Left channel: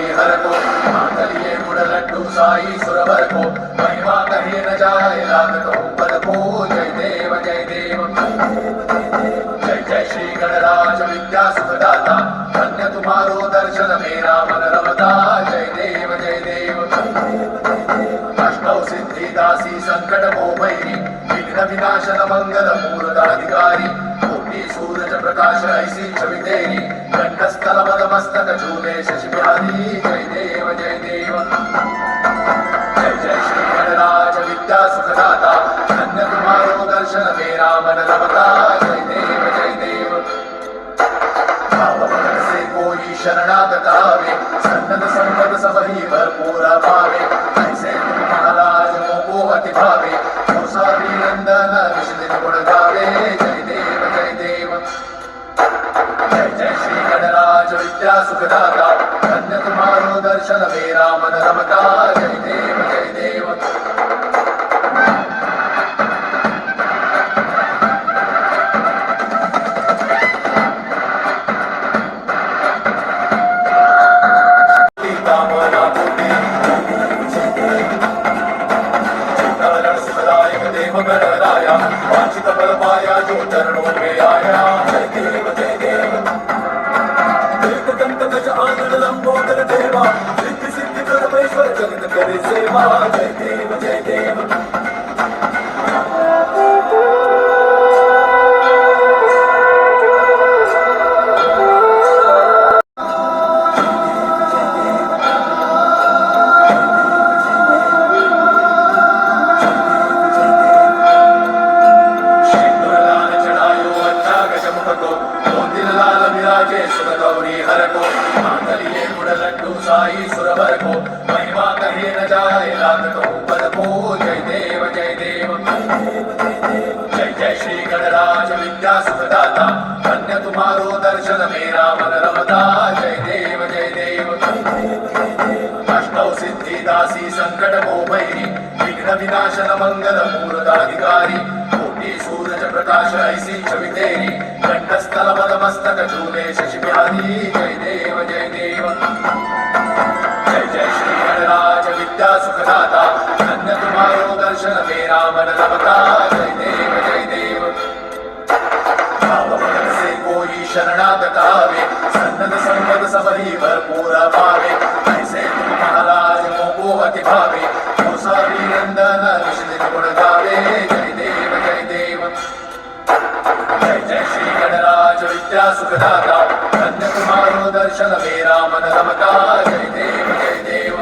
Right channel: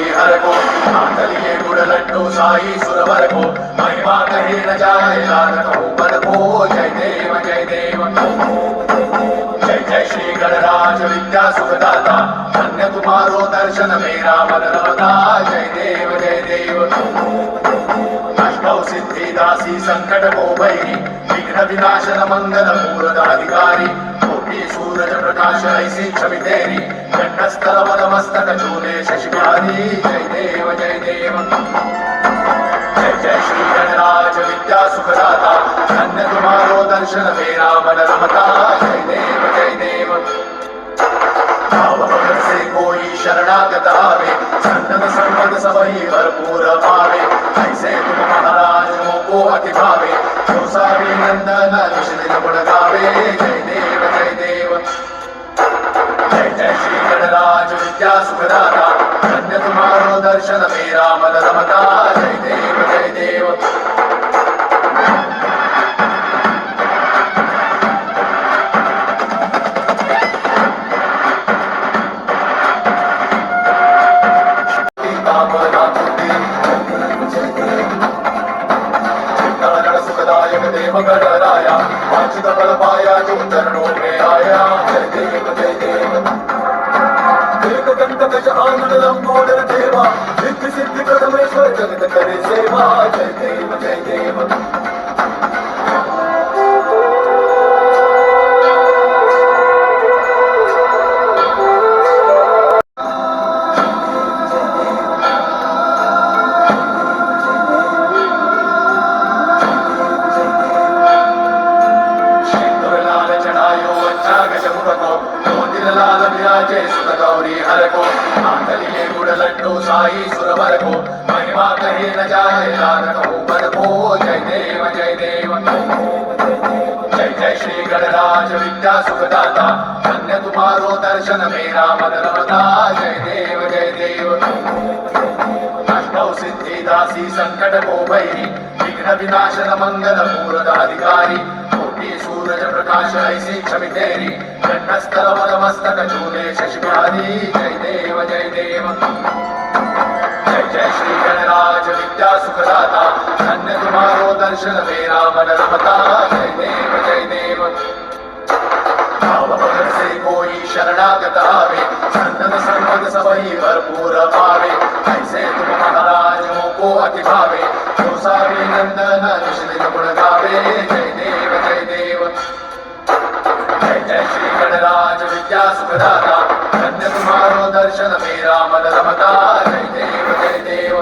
गौरी हर को लिए गुड़ लड्डू साई सुरवर को महिमा कही न जाए लागत ऊपर को जय देव जय देव जय जय श्री गणराज विद्या सुखदाता धन्य तुम्हारो दर्शन मेरा मन रमता जय देव जय देव अष्टौ सिद्धि दासी संकट को भैरी विघ्न विनाशन मंगल मूर्ताधिकारी कोटि सूरज प्रकाश ऐसी छवि तेरी कंठस्थल मद मस्तक झूले शशि बिहारी जय देव जय देव जय जय श्री गणराज विद्या सुखदाता धन्य तुम्हारो दर्शन मेरा मन रमता जय देव जय देव भावभर से कोई शरणागत आवे संतत संपद सबही भरपूर पावे ऐसे तुम महाराज मोको अति भावे कौसारी नंदन निश्चित गुण गावे जय देव जय देव जय जय श्री गणराज विद्या सुखदाता धन्य तुम्हारो दर्शन मेरा मन रमता जय देव जय देव गणराया वांछित फल पाया जो चरणों में आया जय देव जय देव एक दंत गज आंगन लंबोदर देवा सिद्धि सिद्धि परमेश्वर जगत करे सेवा जय देव जय देव साई सुरवर को महिमा कही न जाए लागत ऊपर को जय देव जय देव जय जय श्री गणराज विद्या सुखदाता धन्य तुम्हारो दर्शन मेरा मन रमता जय देव जय देव अष्टौ सिद्धि दासी संकट को भैरी विघ्न विनाशन मंगल मूर्ताधिकारी कोटि सूरज प्रकाश ऐसी छवि तेरी कंठस्थल मद मस्तक झूले शशि बिहारी जय देव जय देव जय जय श्री गणराज विद्या सुखदाता धन्य तुम्हारो दर्शन मेरा मन रमता जय देव जय देव भावभर से कोई शरणागत आवे संतत संपद सबही भरपूर पावे ऐसे तुम महाराज मोको अति भावे कौसारी नंदन निश्चित गुण गावे जय देव जय देव जय जय श्री गणराज विद्या सुखदाता धन्य तुम्हारो दर्शन मेरा मन रमता जय देव जय देव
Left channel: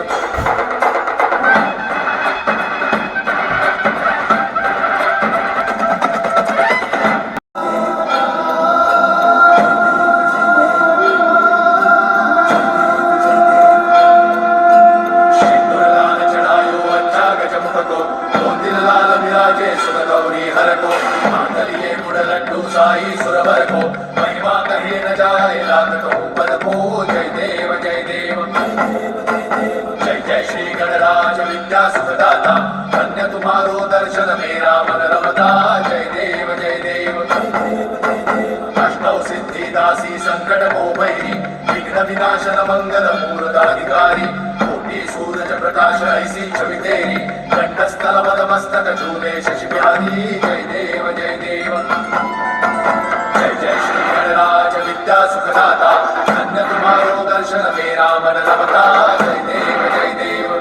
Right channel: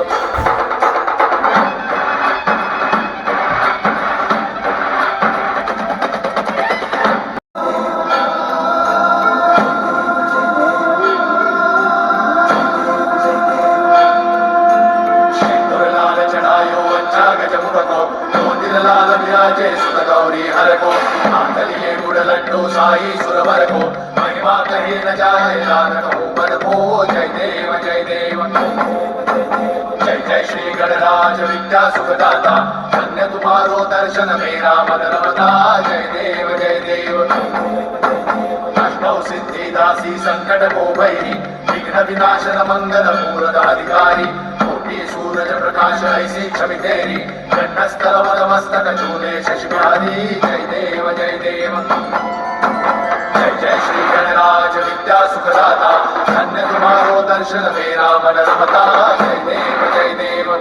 गौरी हर को लिए गुड़ लड्डू साई सुरवर को महिमा कही न जाए लागत ऊपर को जय देव जय देव जय जय श्री गणराज विद्या सुखदाता धन्य तुम्हारो दर्शन मेरा मन रमता जय देव जय देव अष्टौ सिद्धि दासी संकट को भैरी विघ्न विनाशन मंगल मूर्ताधिकारी कोटि सूरज प्रकाश ऐसी छवि तेरी कंठस्थल मद मस्तक झूले शशि बिहारी जय देव जय देव जय जय श्री गणराज विद्या सुखदाता धन्य तुम्हारो दर्शन मेरा मन रमता जय देव जय देव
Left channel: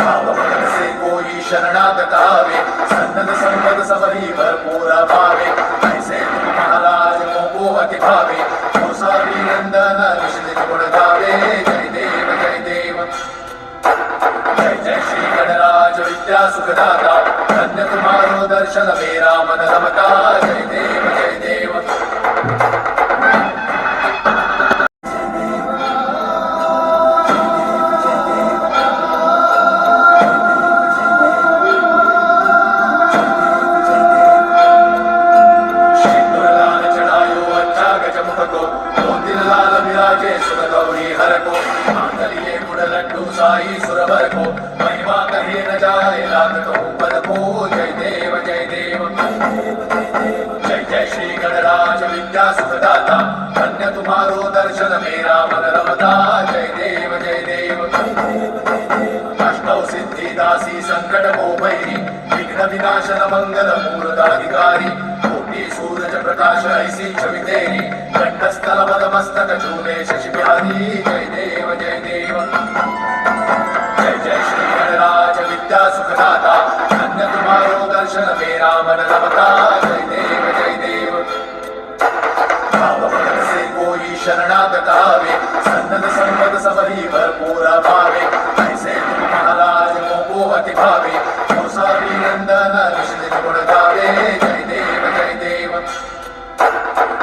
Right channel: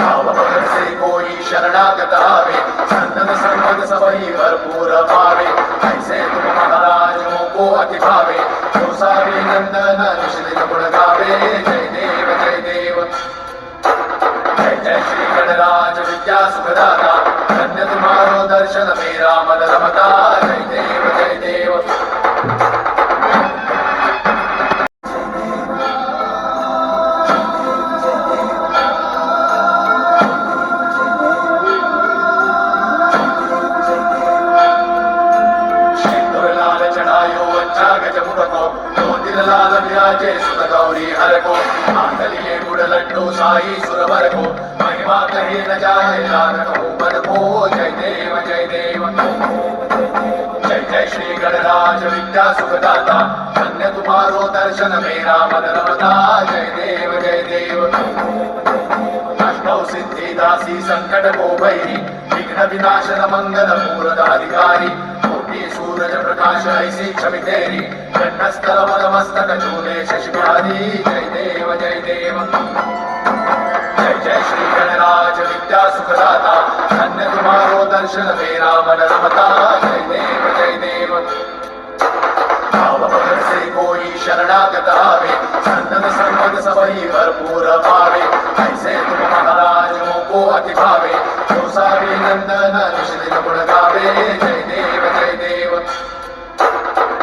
भावभर से कोई शरणागत आवे संतत संपद सबही भरपूर पावे ऐसे तुम महाराज मोको अति भावे कौसारी नंदन निश्चित गुण गावे जय देव जय देव जय जय श्री गणराज विद्या सुखदाता धन्य तुम्हारो दर्शन मेरा मन रमता जय देव जय देव गौरी हर को लिए गुड़ लड्डू साई सुरवर को महिमा कही न जाए लागत ऊपर को जय देव जय देव जय जय श्री गणराज विद्या सुखदाता धन्य तुम्हारो दर्शन मेरा मन रमता जय देव जय देव अष्टौ सिद्धिदासी संकट भैरी विघ्न विनाशन मंगल मूर्धाधिकारी कोटि सूरज प्रकाश ऐसी छवि तेरी कंठस्थल पदमस्तक चूले शशि बिहारी जय देव जय देव जय जय श्री गणराज विद्या सुखदाता धन्य तुम्हारो दर्शन मेरा मन रमता जय देव जय देव भाव भजन से कोई शरणागत आवे संतत संपद सबही भरपूर पावे ऐसे तुम महाराज मोको अति भावे गोसावी नंदन निश्चित गुण गावे जय देव जय देव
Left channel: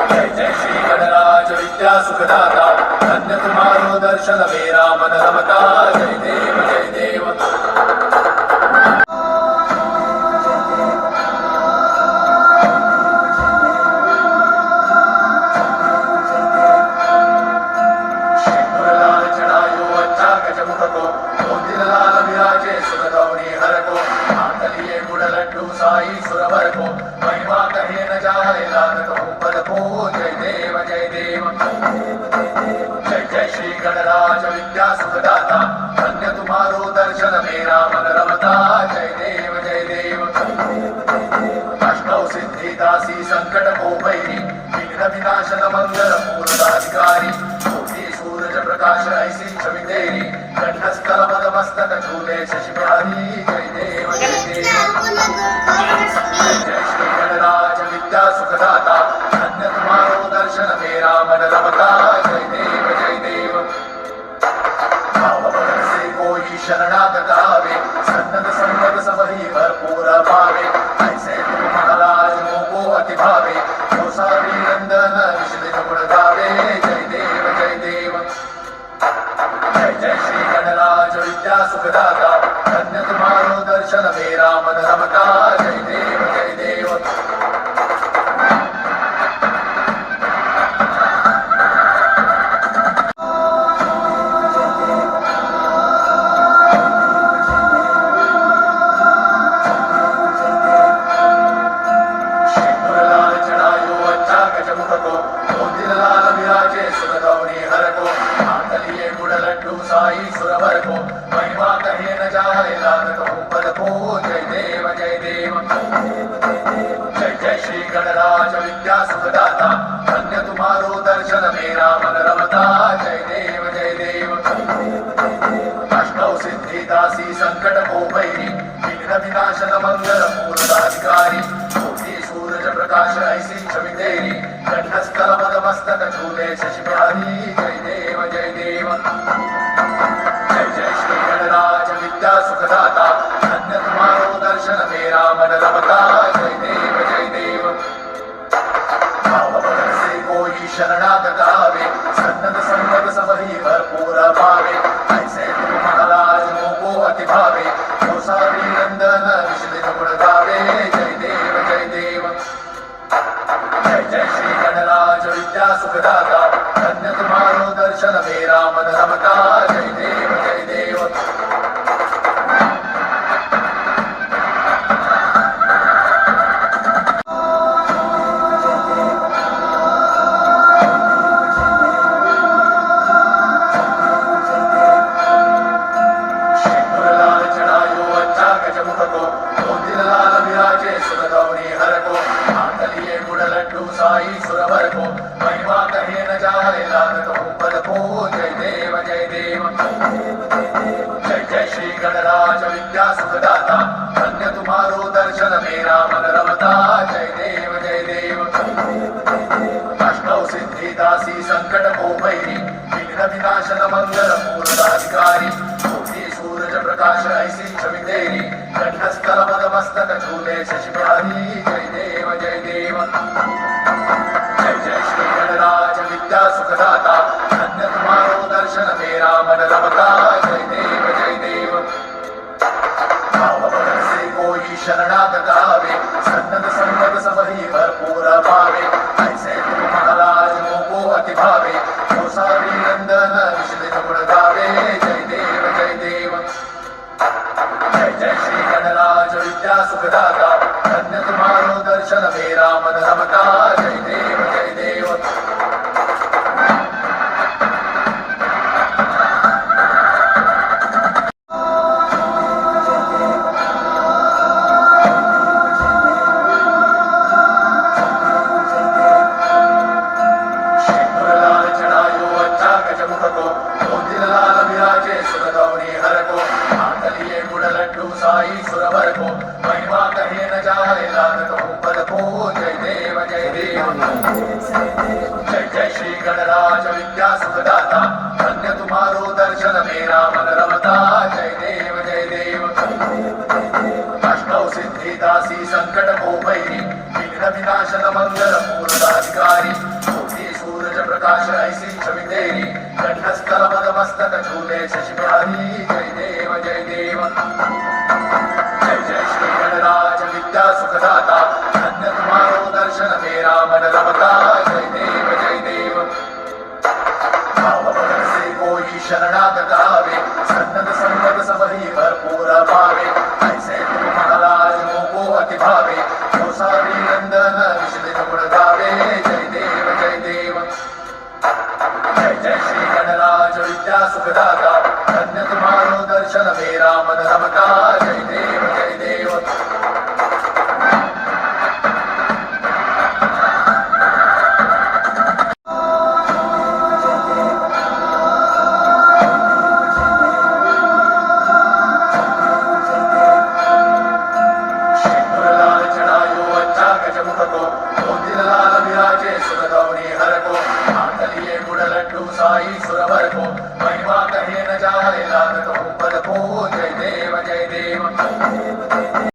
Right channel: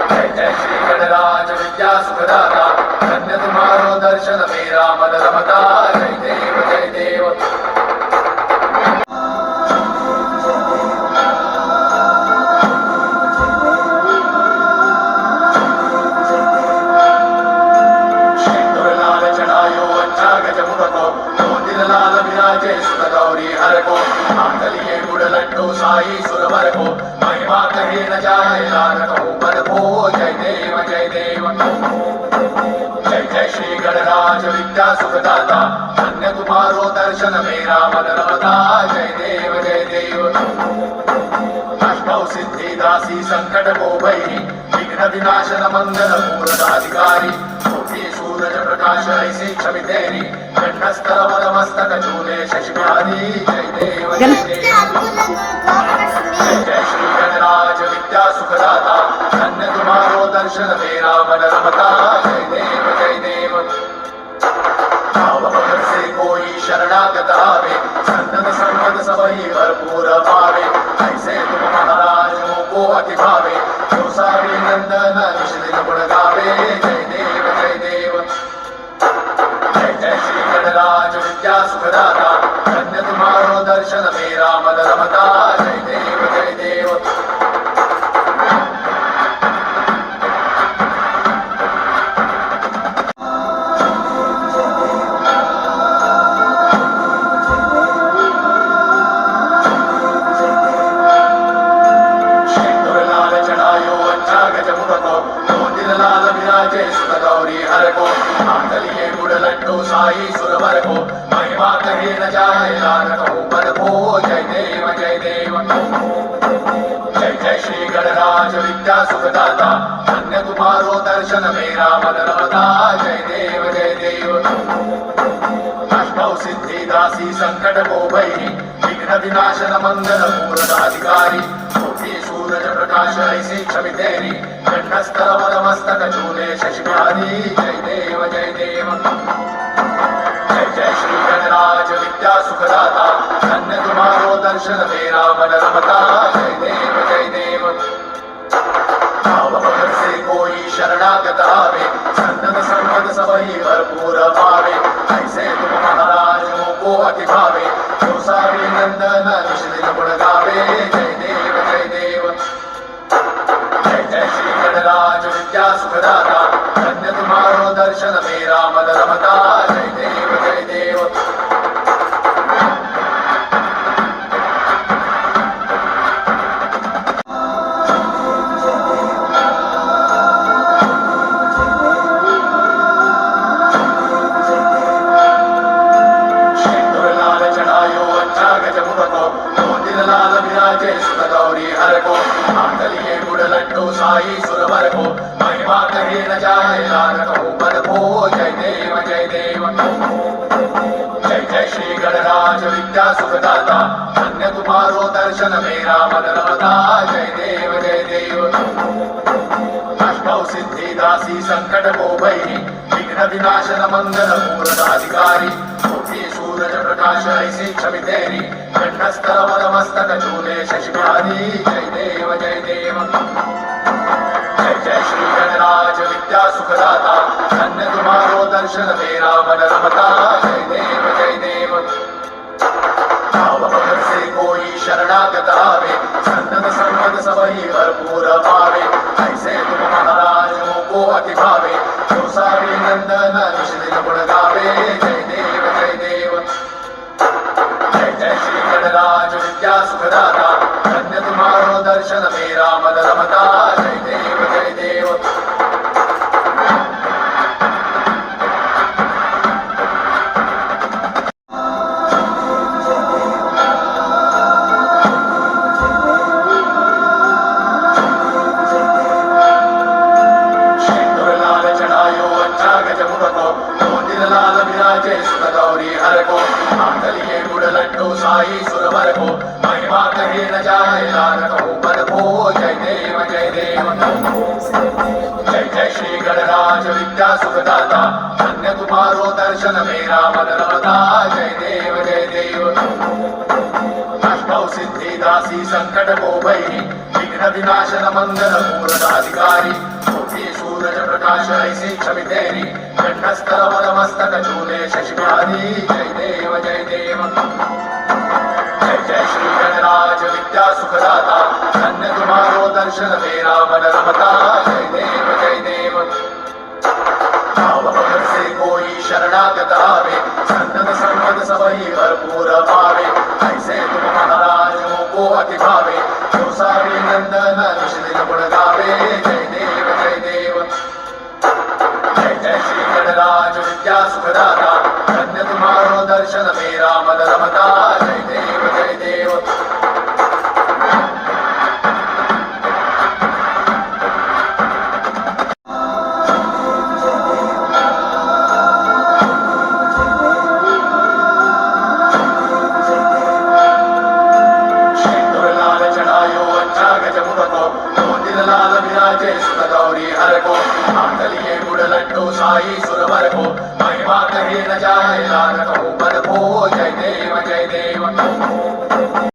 जय जय श्री गणराज विद्या सुखदाता धन्य तुम्हारो दर्शन मेरा मन रमता जय देव जय देव साई सुरवर को महिमा कही न जाए लागत ऊपर को जय देव जय देव जय जय श्री गणराज विद्या सुखदाता धन्य तुम्हारो दर्शन मेरा मन रमता जय देव जय देव अष्टौ सिद्धिदासी संकट भैरी विघ्न विनाशन मंगल मूर्धाधिकारी कोटि सूरज प्रकाश ऐसी छवि तेरी कंठस्थल पदमस्तक चूले शशि बिहारी जय देव जय देव जय श्री गणराज विद्या सुखदाता धन्य तुम्हारो दर्शन मेरा मन रमता जय देव जय देव भाव भजन से कोई शरणागत आवे संतत संपद सबही भरपूर पावे ऐसे तुम महाराज मोको अति भावे गोसावी नंदन निश्चित गुण गावे जय देव जय देव जय जय श्री गणराज विद्या सुखदाता धन्य तुम्हारो दर्शन मेरा मन रमता जय देव जय देव साई सुरवर को महिमा कही न जाए लागत ऊपर को जय देव जय देव जय जय श्री गणराज विद्या सुखदाता धन्य तुम्हारो दर्शन मेरा मन रमता जय देव जय देव अष्टौ सिद्धिदासी संकट भैरी विघ्न विनाशन मंगल मूर्धाधिकारी कोटि सूरज प्रकाश ऐसी छवि तेरी कंठस्थल पदमस्तक चूले शशि बिहारी जय देव जय देव जय जय श्री गणराज विद्या सुखदाता धन्य तुम्हारो दर्शन मेरा मन रमता जय देव जय देव भाव भजन से कोई शरणागत आवे संतत संपद सबही भरपूर पावे ऐसे तुम महाराज मोको अति भावे गोसावी नंदन निश्चित गुण गावे जय देव जय देव जय जय श्री गणराज विद्या सुखदाता धन्य तुम्हारो दर्शन मेरा मन रमता जय देव जय देव साई सुरवर को महिमा कही न जाए लागत ऊपर को जय देव जय देव जय जय श्री गणराज विद्या सुखदाता धन्य तुम्हारो दर्शन मेरा मन रमता जय देव जय देव अष्टौ सिद्धिदासी संकट भैरी विघ्न विनाशन मंगल मूर्धाधिकारी कोटि सूरज प्रकाश ऐसी छवि तेरी कंठस्थल पदमस्तक चूले शशि बिहारी जय देव जय देव जय जय श्री गणराज विद्या सुखदाता धन्य तुम्हारो दर्शन मेरा मन रमता जय देव जय देव भाव भजन से कोई शरणागत आवे संतत संपद सबही भरपूर पावे ऐसे तुम महाराज मोको अति भावे गोसावी नंदन निश्चित गुण गावे जय देव जय देव जय जय श्री गणराज विद्या सुखदाता धन्य तुम्हारो दर्शन मेरा मन रमता जय देव जय देव विराजे सुत गौरी हर को लिए गुड़ लड्डू साई सुरवर को महिमा कही न जाए लागत हूँ पद को जय देव जय देव जय जय श्री गणराज विद्या सुखदाता धन्य तुम्हारो दर्शन मेरा मन रमता जय देव जय देव अष्टौ सिद्धि दासी संकट को भई विघ्न विनाशन मंगल मूर्ताधिकारी सूरज प्रकाश ऐसी छवि तेरी कंठस्थल पद मस्तक चूले शशि बिहारी जय देव जय देव जय जय श्री गणराज विद्या सुखदाता धन्य तुम्हारो दर्शन मेरा मन रमता जय देव जय देव भावभर से कोई शरणागत आवे सन्नत संपद सबही भरपूर पावे ऐसे तुम महाराज को अति भावे सारी नंदन निश्चित गुण गावे जय देव जय देव जय जय श्री गणराज विद्या सुखदाता धन्य तुम्हारो दर्शन मेरा मन रमता जय देव जय देव साई सुरवर को महिमा कही न जाए लागत हूँ पद को जय देव जय देव